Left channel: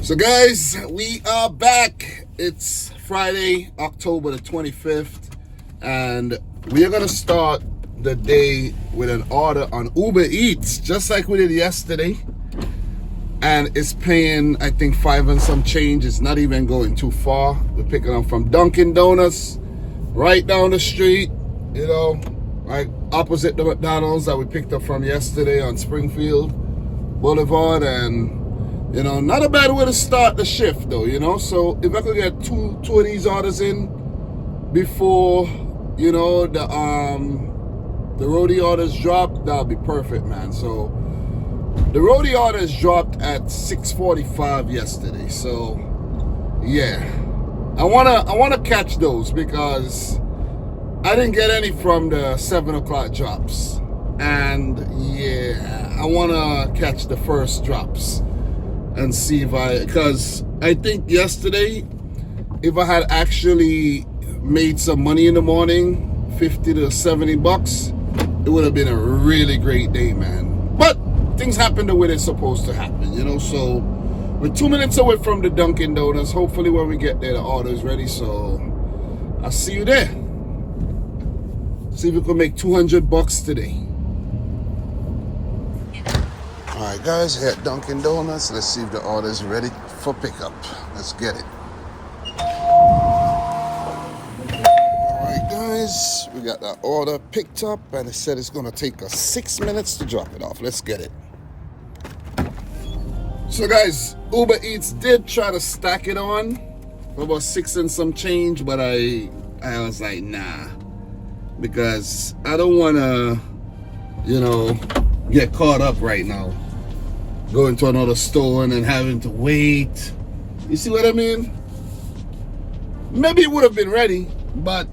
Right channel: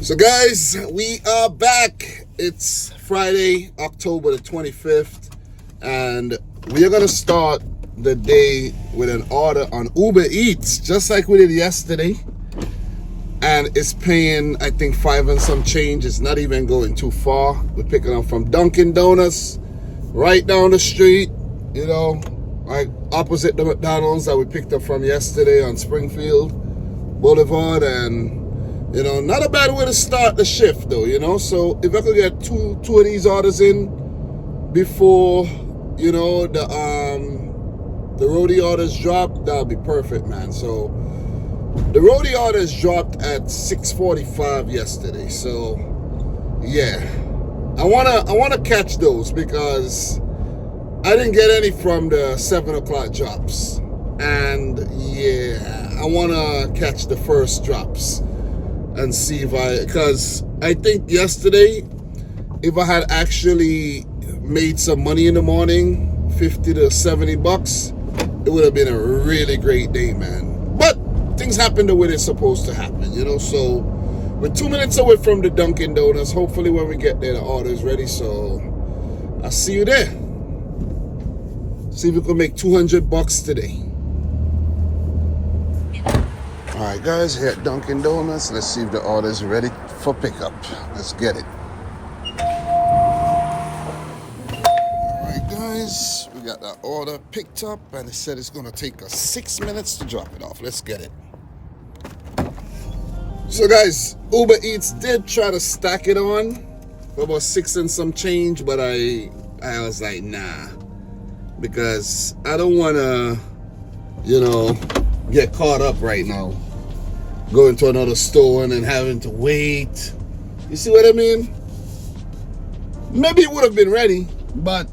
So guys, we are back. It's Friday, October the 25th, and we are gonna start the day with an order on Uber Eats, just like we did yesterday. And it's paying, I think, 5 and some change. It's not even going too far. We're picking up from Dunkin' Donuts, right down the street, like opposite the McDonald's that we picked up from yesterday on Springfield Boulevard. And not a bad way to start the shift though, so if I could get two of these orders in before the roadie orders drop, that'll be perfect, man. So the roadie orders dropped at 6:45 yesterday, so yeah, I wanna catch those because I didn't get any from the 7 o'clock drops, and yeah, I wanna catch the first drops and see because I think yesterday, if I had actually made some money in the morning, 50 to 70 bucks, it would have been a really great day, man. But things happen the way they're supposed to happen, so we're 2 minutes away from the Dunkin' Donuts. Hopefully when we get there, the order's ready, so I'll see you there. See if we can make 200 bucks today. All right, guys, here at Dunkin' Donuts. Let's see if the order's ready for pickup. Let's get it. All right, guys, we got that order picked up, and it said it's gonna take us 6 minutes to drop it off. Let's get it. So, guys, Uber Eats did try to stack it on for about 6 and some change, but I was like, nah, because I don't wanna, get caught up right now, going to another store and then having to wait. You see what I mean? Maybe it would have been ready, but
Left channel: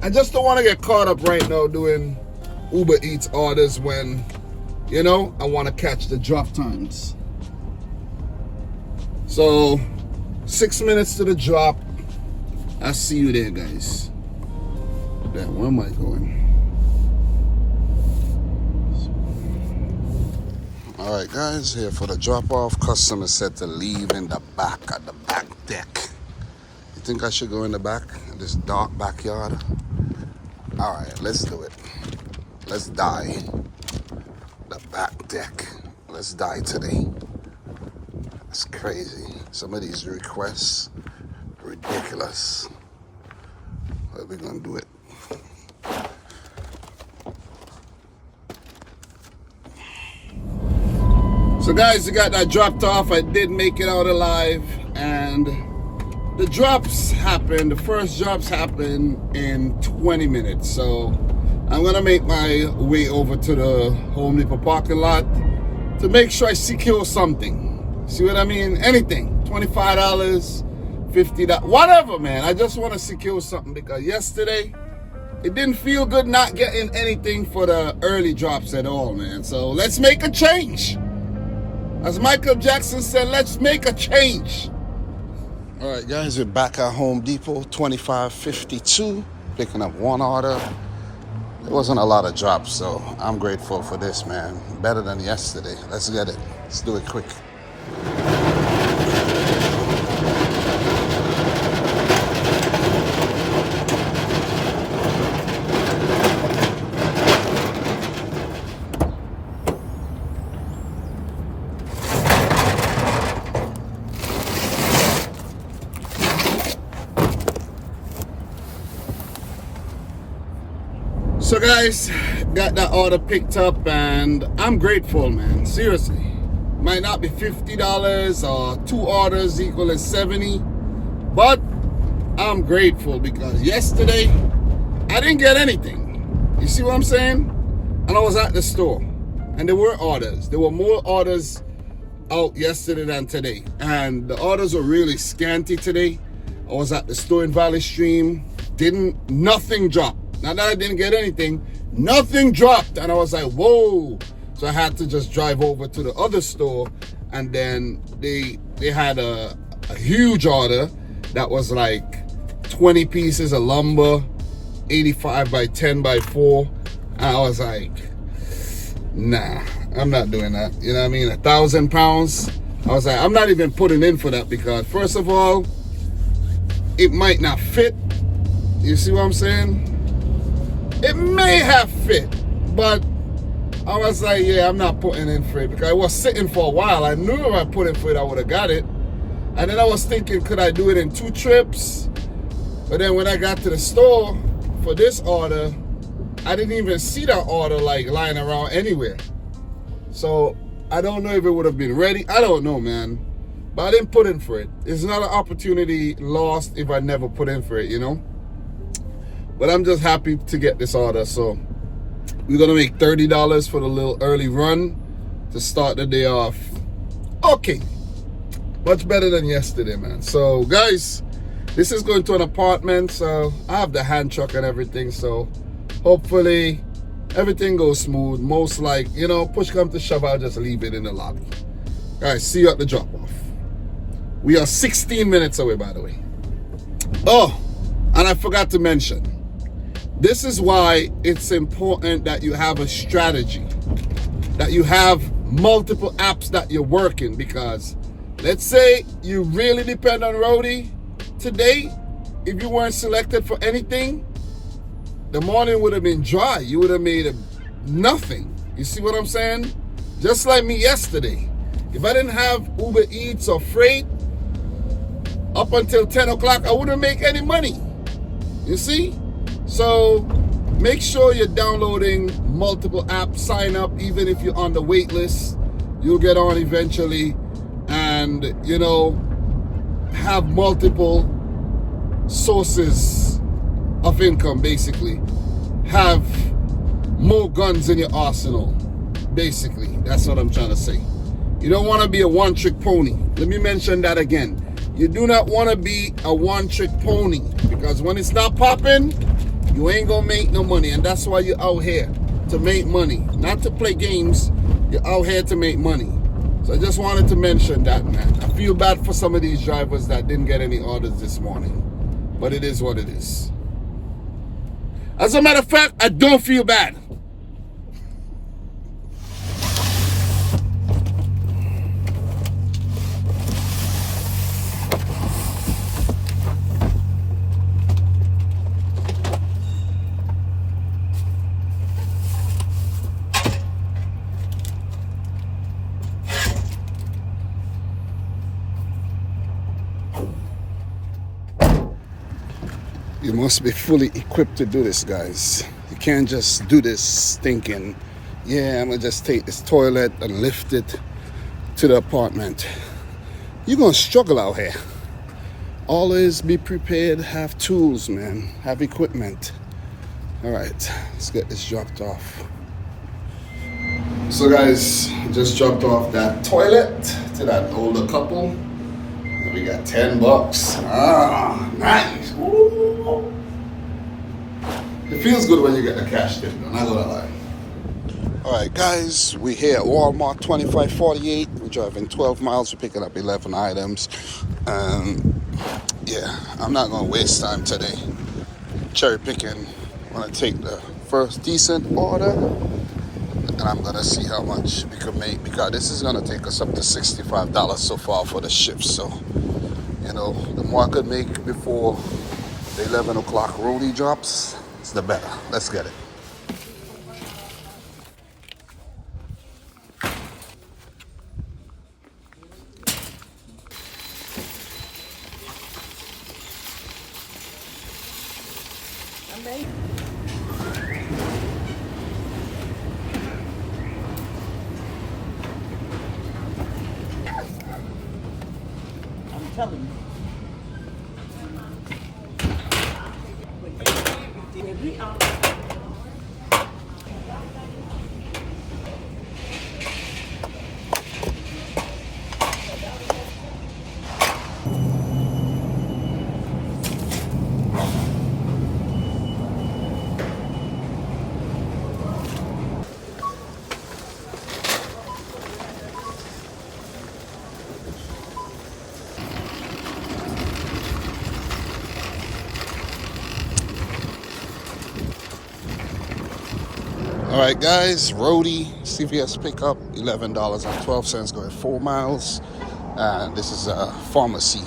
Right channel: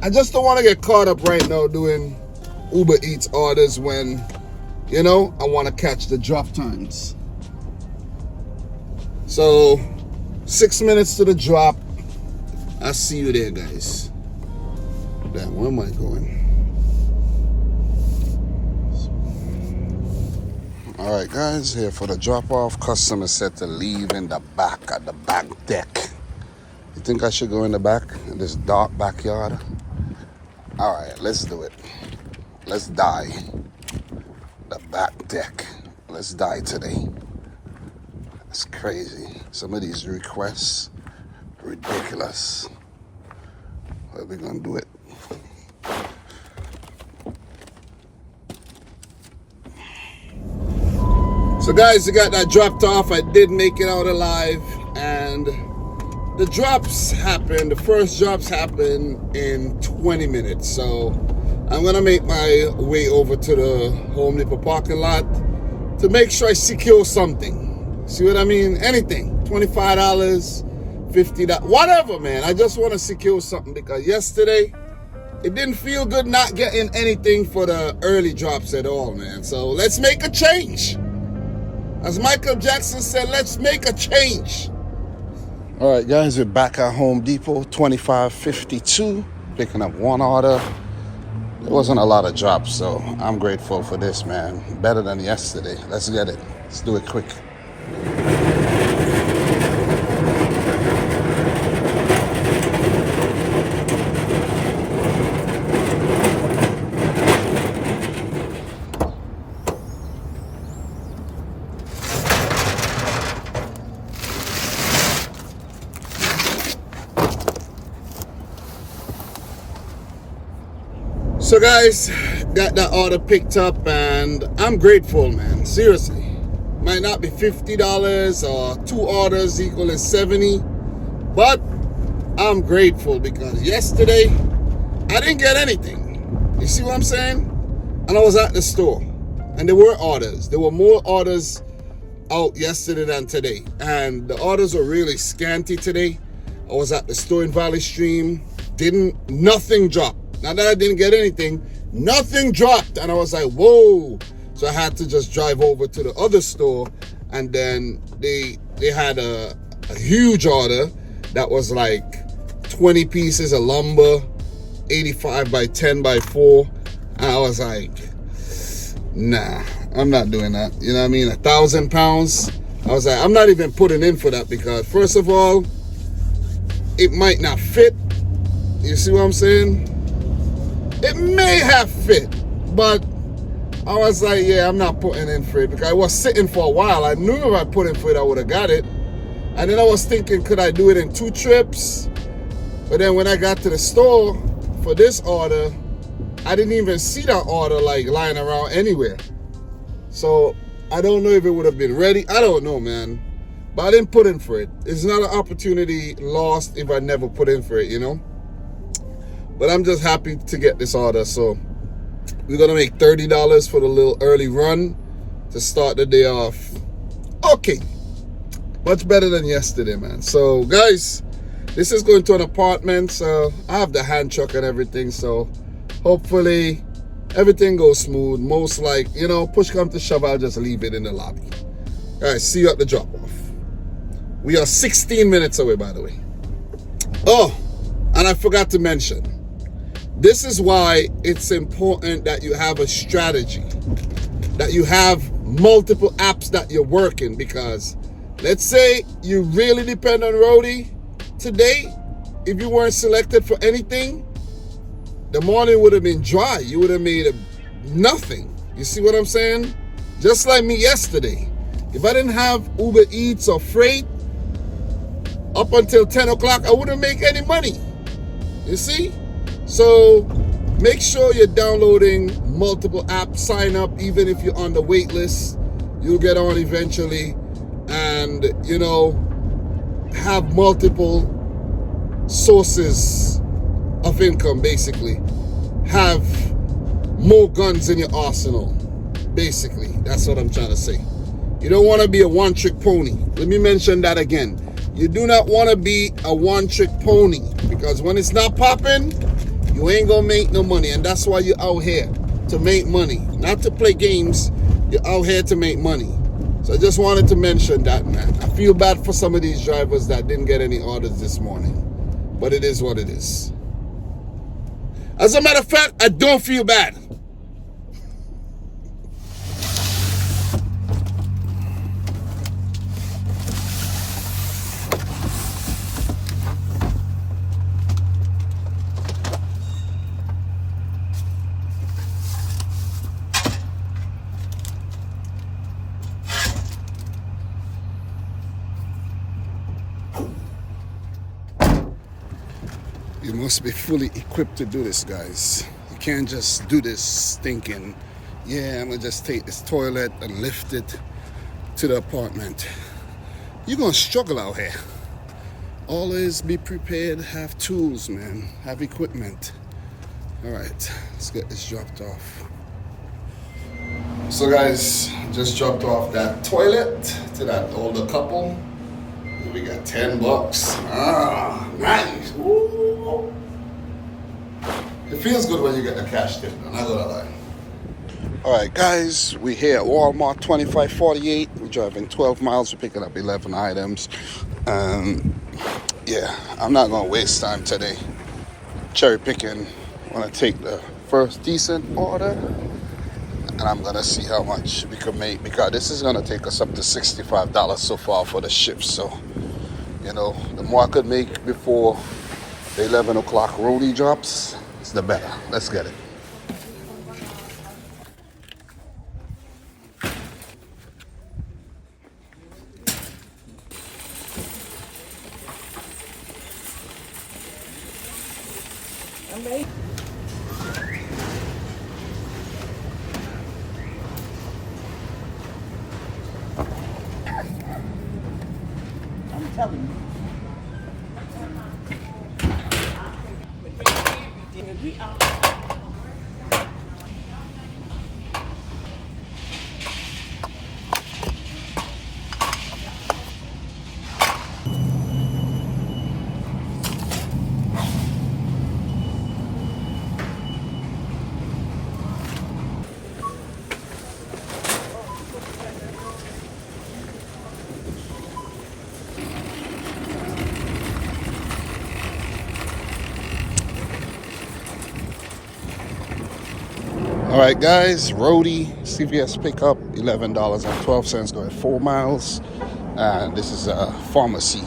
I just don't want to get caught up right now doing Uber Eats orders when, I want to catch the drop times. So, 6 minutes to the drop. I'll see you there, guys. Damn, where am I going? All right, guys, here for the drop-off. Customer said to leave in the back, at the back deck. You think I should go in the back, in this dark backyard? All right, let's do it. Let's die. The back deck. Let's die today. It's crazy. Some of these requests, ridiculous. But we're gonna do it. So guys, we got that dropped off. I did make it out alive, and the drops happened. The first drops happened in 20 minutes. So I'm gonna make my way over to the Home Depot parking lot to make sure I secure something. See what I mean? Anything, $25, $50, whatever, man. I just want to secure something because yesterday it didn't feel good not getting anything for the early drops at all, man. So let's make a change. As Michael Jackson said, let's make a change. All right, guys, we're back at Home Depot, 2552, picking up one order. There wasn't a lot of drops, so I'm grateful for this, man. Better than yesterday. Let's get it. Let's do it quick. So guys, got that order picked up, and I'm grateful, man. Seriously. Might not be $50 or 2 orders equaling 70, but I'm grateful because yesterday I didn't get anything. You see what I'm saying? And I was at the store, and there were orders. There were more orders out yesterday than today, and the orders were really scanty today. I was at the store in Valley Stream. Nothing dropped. Not that I didn't get anything, nothing dropped. And I was like, whoa. So I had to just drive over to the other store, and then they had a huge order that was like 20 pieces of lumber, 85 by 10 by 4. And I was like, nah, I'm not doing that. You know what I mean? 1,000 pounds. I was like, I'm not even putting in for that because first of all, it might not fit. You see what I'm saying? It may have fit, but I was like, yeah, I'm not putting in for it because I was sitting for a while. I knew if I put in for it, I would have got it. And then I was thinking, could I do it in 2 trips? But then when I got to the store for this order, I didn't even see that order like lying around anywhere. So I don't know if it would have been ready. I don't know, man. But I didn't put in for it. It's not an opportunity lost if I never put in for it, you know? But I'm just happy to get this order. So we're going to make $30 for the little early run to start the day off. Okay. Much better than yesterday, man. So, guys, this is going to an apartment. So I have the hand truck and everything. So hopefully everything goes smooth. Most like, you know, push come to shove, I'll just leave it in the lobby. All right, see you at the drop-off. We are 16 minutes away, by the way. Oh, and I forgot to mention, this is why it's important that you have a strategy, that you have multiple apps that you're working, because let's say you really depend on Roadie today. If you weren't selected for anything, the morning would have been dry. You would have made nothing. You see what I'm saying? Just like me yesterday. If I didn't have Uber Eats or Freight up until 10 o'clock, I wouldn't make any money. You see? So make sure you're downloading multiple apps. Sign up even if you're on the wait list. You'll get on eventually. And, you know, have multiple sources of income, basically. Have more guns in your arsenal, basically. That's what I'm trying to say. You don't want to be a one-trick pony. Let me mention that again. You do not want to be a one-trick pony, because when it's not popping, you ain't gonna make no money. And that's why you're out here, to make money, not to play games. You're out here to make money. So I just wanted to mention that, man. I feel bad for some of these drivers that didn't get any orders this morning, but it is what it is. As a matter of fact, I don't feel bad. You must be fully equipped to do this, guys. You can't just do this thinking, yeah, I'm gonna just take this toilet and lift it to the apartment. You're gonna struggle out here. Always be prepared, have tools, man, have equipment. All right, let's get this dropped off. So guys, just dropped off that toilet to that older couple. We got $10. Ah, nice. Ooh. It feels good when you get the cash tip, I'm not gonna lie. All right, guys, we here at Walmart 2548. We're driving 12 miles. We're picking up 11 items. Yeah, I'm not gonna waste time today cherry picking. I wanna take the first decent order, and I'm gonna see how much we can make, because this is gonna take us up to $65 so far for the shift. So, you know, the more I could make before the 11 o'clock Roadie drops, the better. Let's get it. I'm telling you. All right, guys, Roadie, CVS pickup, $11.12, going 4 miles. And this is a pharmacy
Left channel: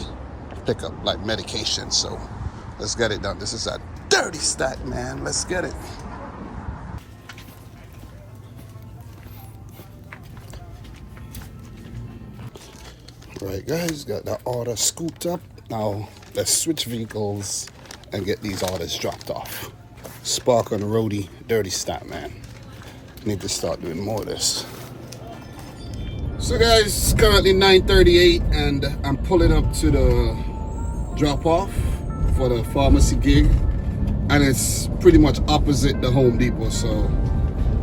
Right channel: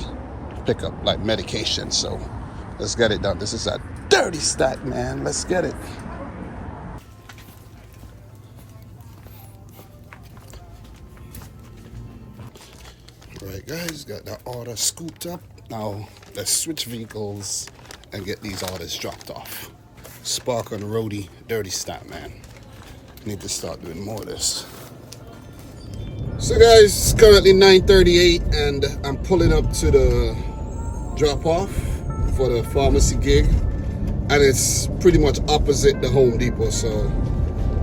pickup, like medication. So let's get it done. This is a dirty stack, man. Let's get it. All right, guys, got the order scooped up. Now let's switch vehicles and get these orders dropped off. Spark on the roadie, dirty stack, man. Need to start doing more of this. So guys, it's currently 9:38 and I'm pulling up to the drop off for the pharmacy gig, and it's pretty much opposite the Home Depot, so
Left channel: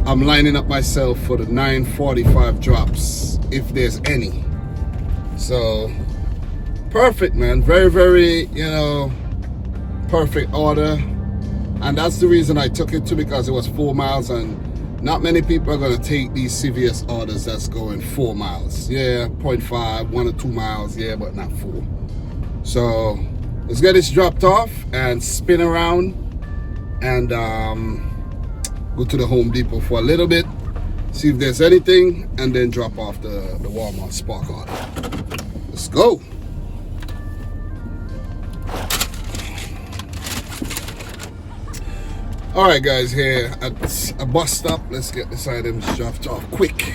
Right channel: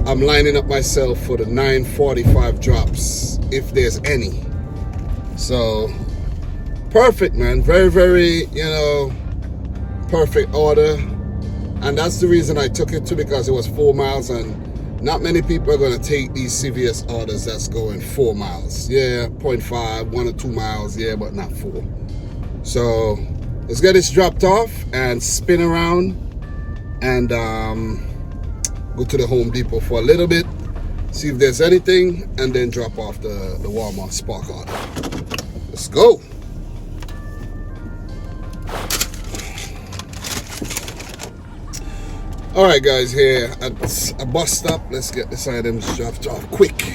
I'm lining up myself for the 9:45 drops if there's any. So perfect, man. Very, very, perfect order. And that's the reason I took it too, because it was 4 miles, and not many people are going to take these CVS orders that's going 4 miles. Yeah, 0.5, 1 or 2 miles, yeah, but not 4. So let's get this dropped off and spin around and go to the Home Depot for a little bit, see if there's anything, and then drop off the Walmart Spark order. Let's go. All right, guys, here at a bus stop. Let's get this items dropped off quick.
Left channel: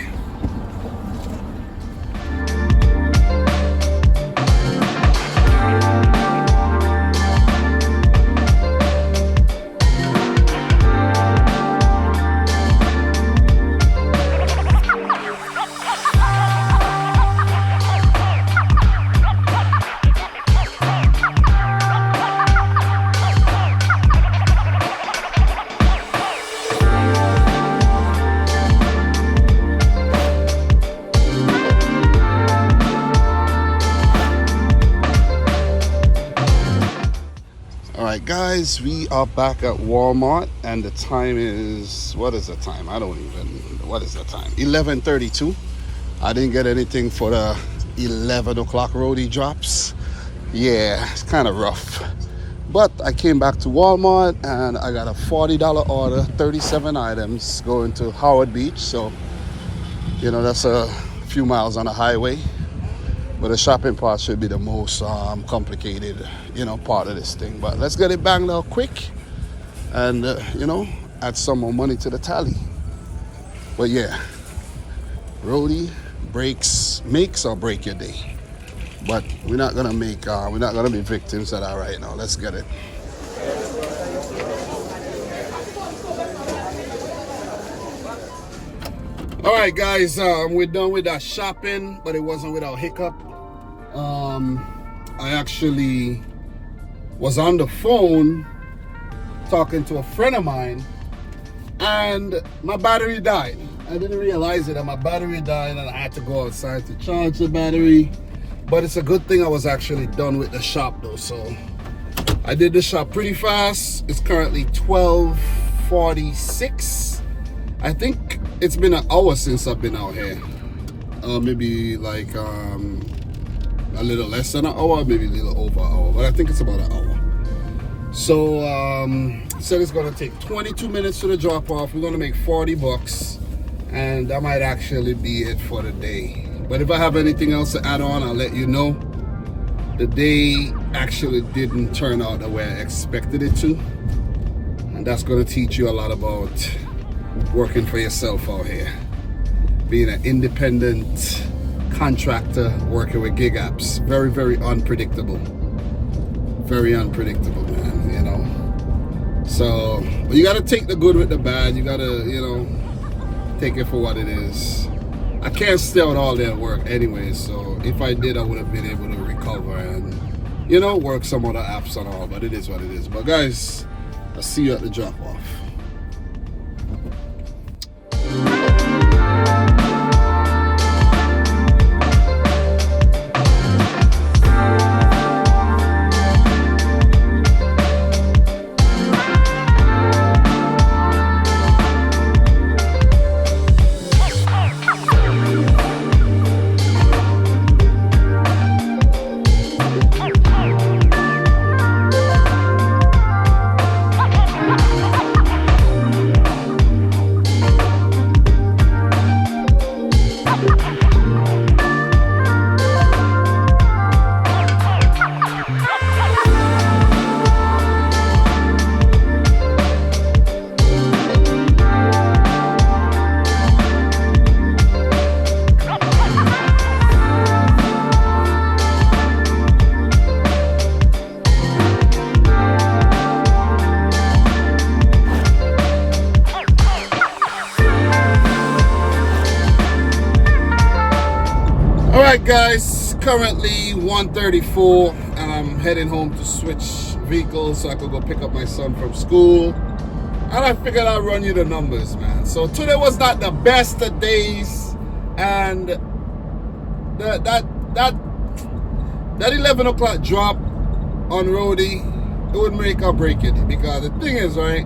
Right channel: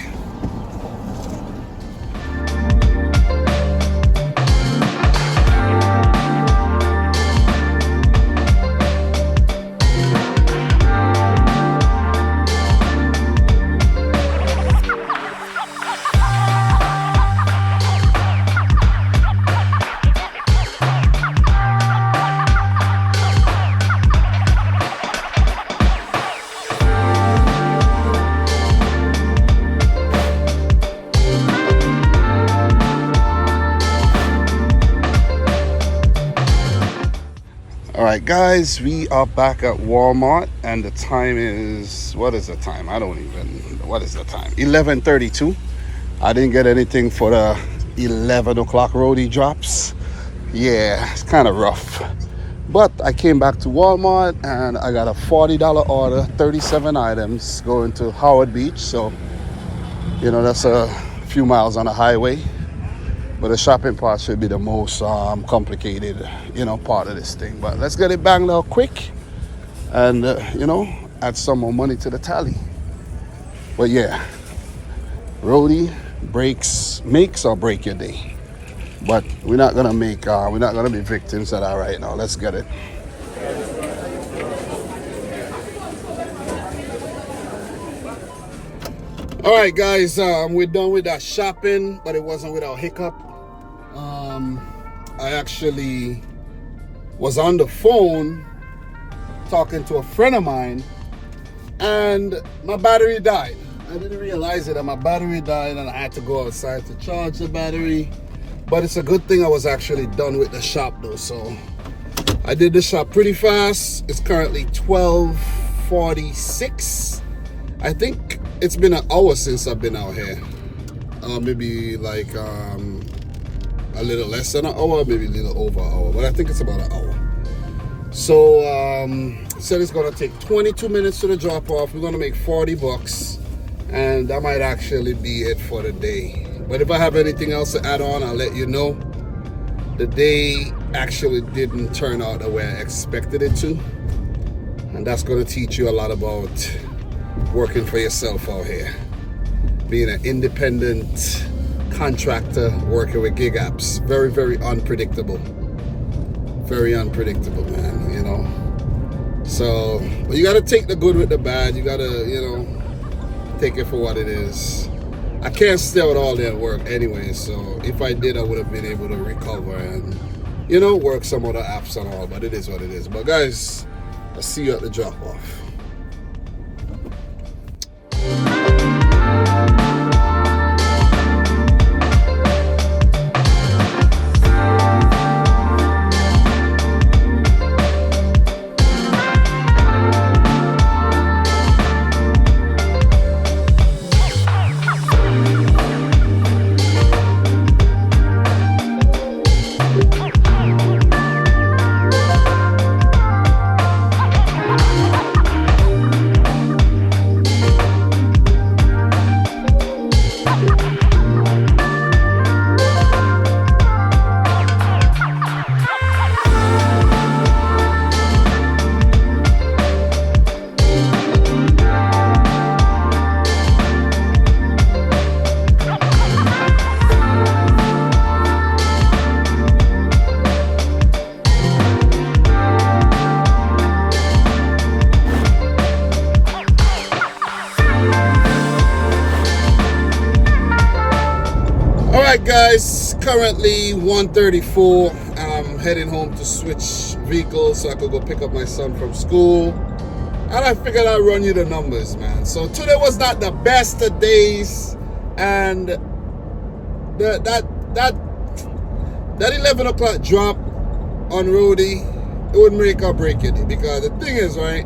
Alright guys, we are back at Walmart and the time is, what is the time? I don't even, what is the time? 11:32. I didn't get anything for the 11 o'clock roadie drops. Yeah, it's kind of rough. But I came back to Walmart and I got a $40 order, 37 items going to Howard Beach. So, that's a few miles on the highway. But the shopping part should be the most complicated, part of this thing. But let's get it banged out quick and, add some more money to the tally. But yeah, roadie makes or break your day. But we're not gonna be victims of that right now. Let's get it. All right, guys, we're done with that shopping, but it wasn't without hiccup. I actually was on the phone talking to a friend of mine, and my battery died. I didn't realize it, and my battery died, and I had to go outside to charge the battery. But it's a good thing I was actually done with the shop, though. So I did the shop pretty fast. It's currently 12:46. I think it's been an hour since I've been out here. Maybe like a little less than an hour, maybe a little over an hour, but I think it's about an hour. So said it's gonna take 22 minutes to the drop off. We're gonna make $40, and that might actually be it for the day. But if I have anything else to add on, I'll let you know. The day actually didn't turn out the way I expected it to, and that's gonna teach you a lot about working for yourself out here, being an independent contractor working with gig apps. Very, very unpredictable. Very unpredictable, man, So, but you got to take the good with the bad. You got to, take it for what it is. I can't stay out all day at work anyway, so if I did, I would have been able to recover and, work some other apps and all, but it is what it is. But guys, I'll see you at the drop off. Alright guys, currently 1:34 and I'm heading home to switch vehicles so I could go pick up my son from school. And I figured I'd run you the numbers, man. So today was not the best of days, and that 11 o'clock drop on Roadie, it would make or break it. Because the thing is, right,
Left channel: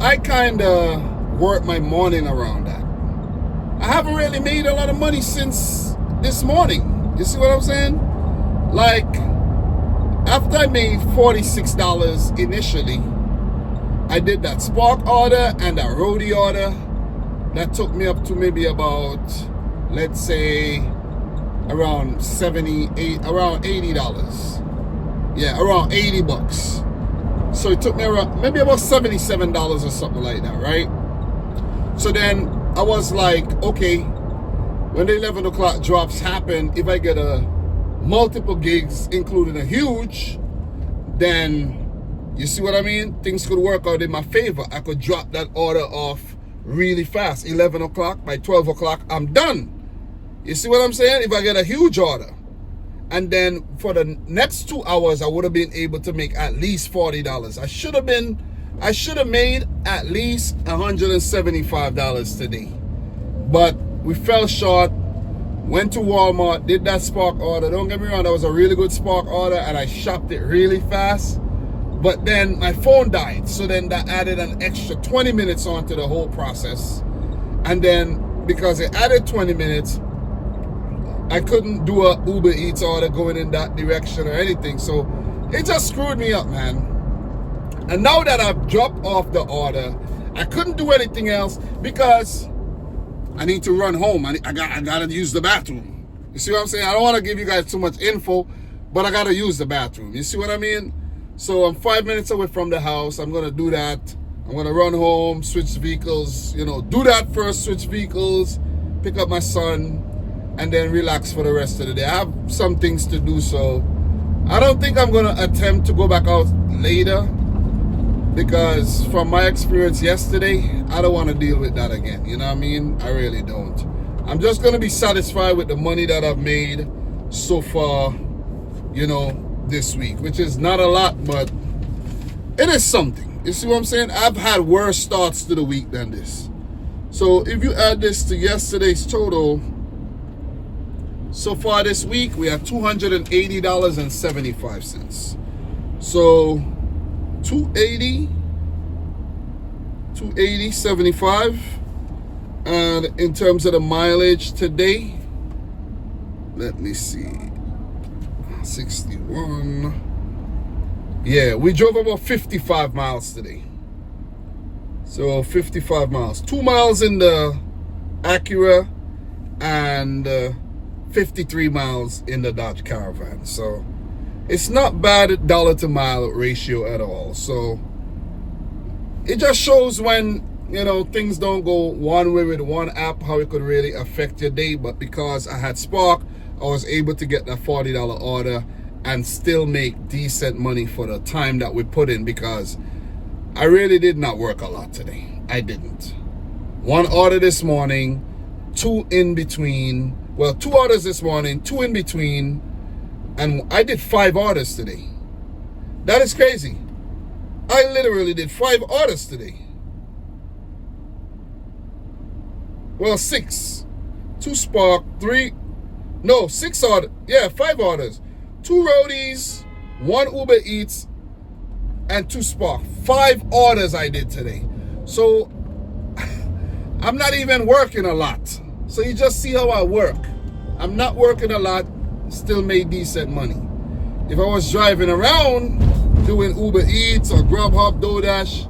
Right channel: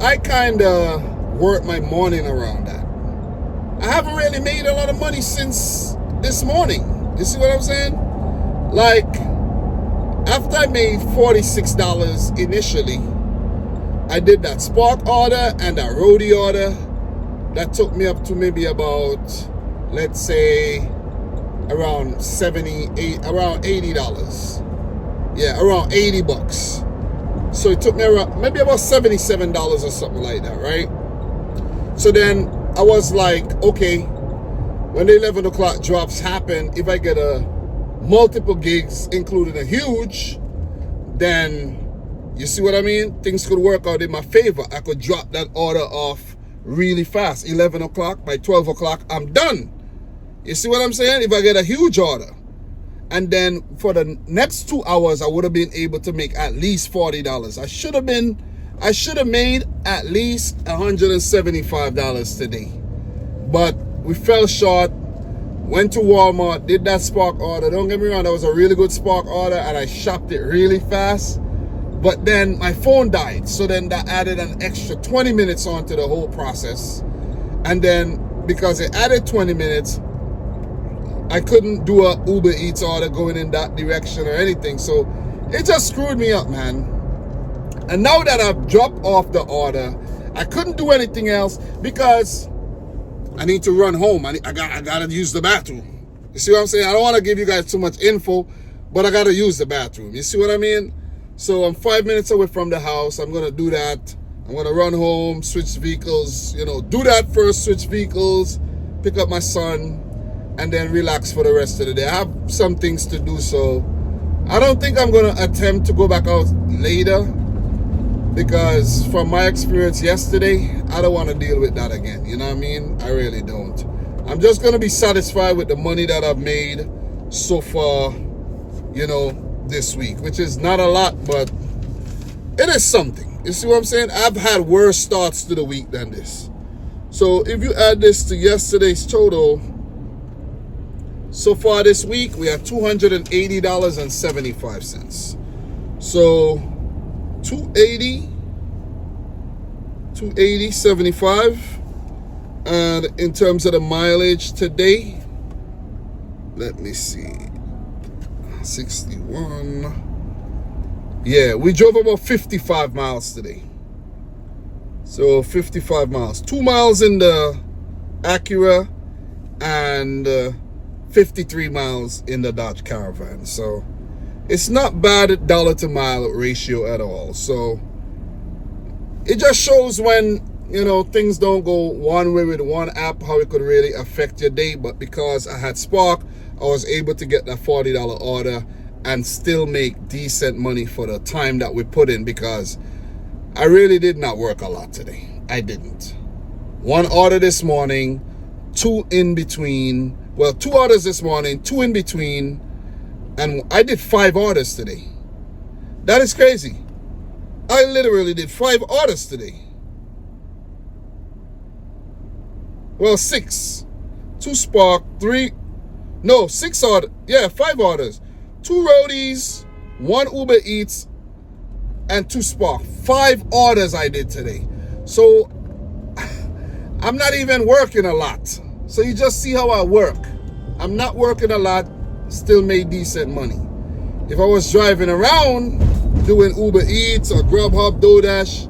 I kind of work my morning around that. I haven't really made a lot of money since this morning. You see what I'm saying? Like, after I made $46 initially, I did that Spark order and that Roadie order. That took me up to maybe about, let's say, around around $80. Yeah, around 80 bucks. So it took me around, maybe about $77 or something like that, right? So then I was like, okay, when the 11 o'clock drops happen, if I get multiple gigs, including a huge, then you see what I mean? Things could work out in my favor. I could drop that order off really fast. 11 o'clock, by 12 o'clock, I'm done. You see what I'm saying? If I get a huge order. And then for the next 2 hours, I would have been able to make at least $40. I should have made at least $175 today. But we fell short. Went to Walmart, did that Spark order. Don't get me wrong, that was a really good Spark order and I shopped it really fast. But then my phone died. So then that added an extra 20 minutes onto the whole process. And then because it added 20 minutes, I couldn't do a Uber Eats order going in that direction or anything. So it just screwed me up, man. And now that I've dropped off the order, I couldn't do anything else because I need to run home. I gotta use the bathroom. You see what I'm saying? I don't want to give you guys too much info, but I gotta use the bathroom. You see what I mean? So I'm 5 minutes away from the house. I'm gonna do that. I'm gonna run home, switch vehicles, do that first, switch vehicles, pick up my son, and then relax for the rest of the day. I have some things to do, so I don't think I'm gonna attempt to go back out later, because from my experience yesterday, I don't want to deal with that again. You know what I mean? I really don't. I'm just going to be satisfied with the money that I've made so far, this week, which is not a lot, but it is something. You see what I'm saying? I've had worse starts to the week than this. So if you add this to yesterday's total, so far this week, we have $280.75. So 280.75, and in terms of the mileage today, let me see, 61. Yeah, we drove about 55 miles today. So 55 miles, 2 miles in the Acura and 53 miles in the Dodge Caravan. So it's not bad dollar to mile ratio at all. So it just shows when, things don't go one way with one app, how it could really affect your day. But because I had Spark, I was able to get that $40 order and still make decent money for the time that we put in, because I really did not work a lot today. I didn't. One order this morning, two in between. Well, 2 orders this morning, 2 in between. And I did 5 orders today. That is crazy. I literally did 5 orders today. Well, 6. 2 Spark, 6 orders. Yeah, 5 orders. 2 Roadies, 1 Uber Eats, and 2 Spark. 5 orders I did today. So I'm not even working a lot. So you just see how I work. I'm not working a lot, still made decent money. If I was driving around doing Uber Eats or Grubhub, DoorDash,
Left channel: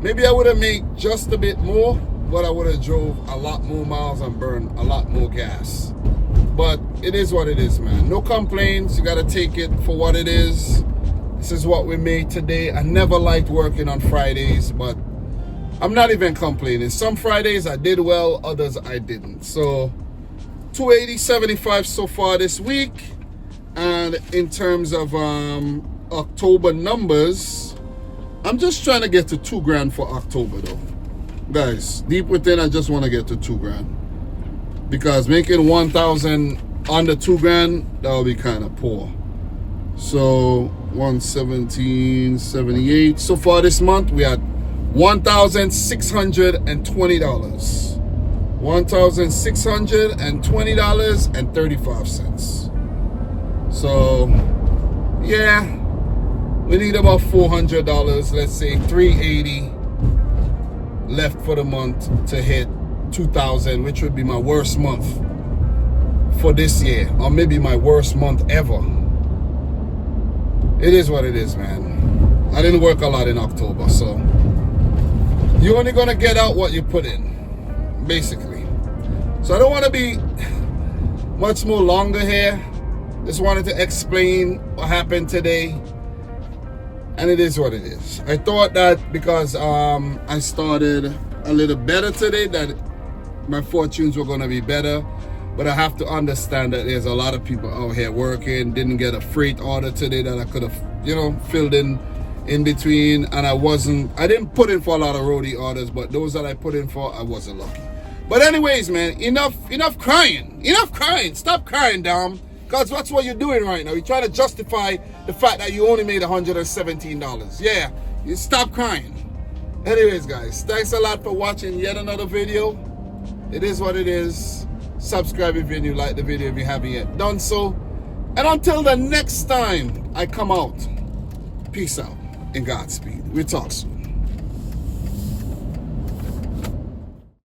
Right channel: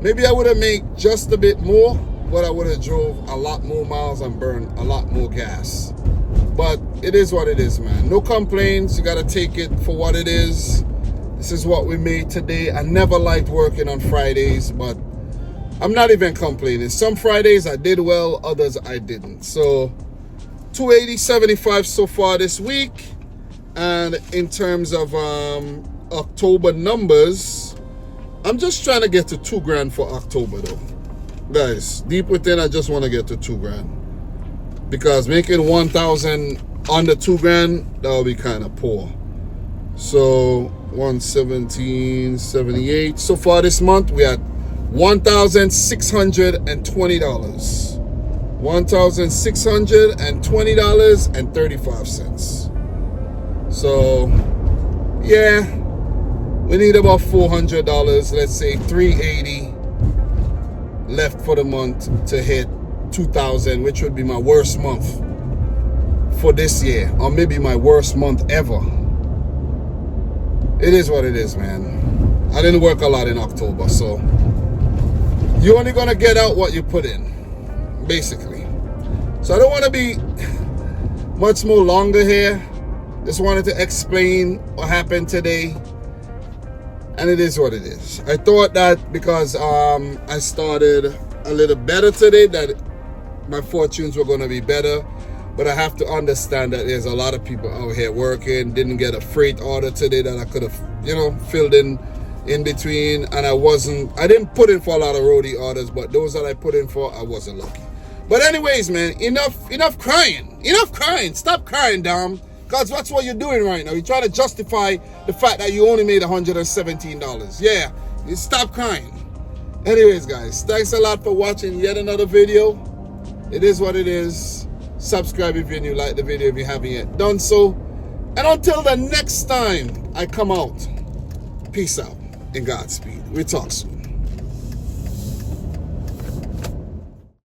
maybe I would have made just a bit more, but I would have drove a lot more miles and burned a lot more gas. But it is what it is, man. No complaints. You got to take it for what it is. This is what we made today. I never liked working on Fridays, but I'm not even complaining. Some Fridays I did well, others I didn't. So 280.75 so far this week. And in terms of October numbers, I'm just trying to get to $2,000 for October though. Guys, deep within, I just want to get to $2,000. because making 1,000 under 2 grand, that would be kind of poor. So 117.78. So far this month, we had $1,620. $1,620.35. So yeah, we need about $400. Let's say $380 left for the month to hit 2,000, which would be my worst month for this year, or maybe my worst month ever. It is what it is, man. I didn't work a lot in October, so you're only gonna get out what you put in, basically. So I don't want to be much more longer here. Just wanted to explain what happened today, and it is what it is. I thought that because I started a little better today, that my fortunes were going to be better, but I have to understand that there's a lot of people out here working. Didn't get a freight order today that I could have, filled in between, and I didn't put in for a lot of roadie orders, but those that I put in for, I wasn't lucky. But anyways, man, enough crying. Stop crying, Dom. Because that's what you're doing right now. You're trying to justify the fact that you only made $117. Yeah, you stop crying. Anyways, guys, thanks a lot for watching yet another video. It is what it is. Subscribe if you're new, like the video if you haven't yet done so. And until the next time I come out, peace out and Godspeed. We talk soon.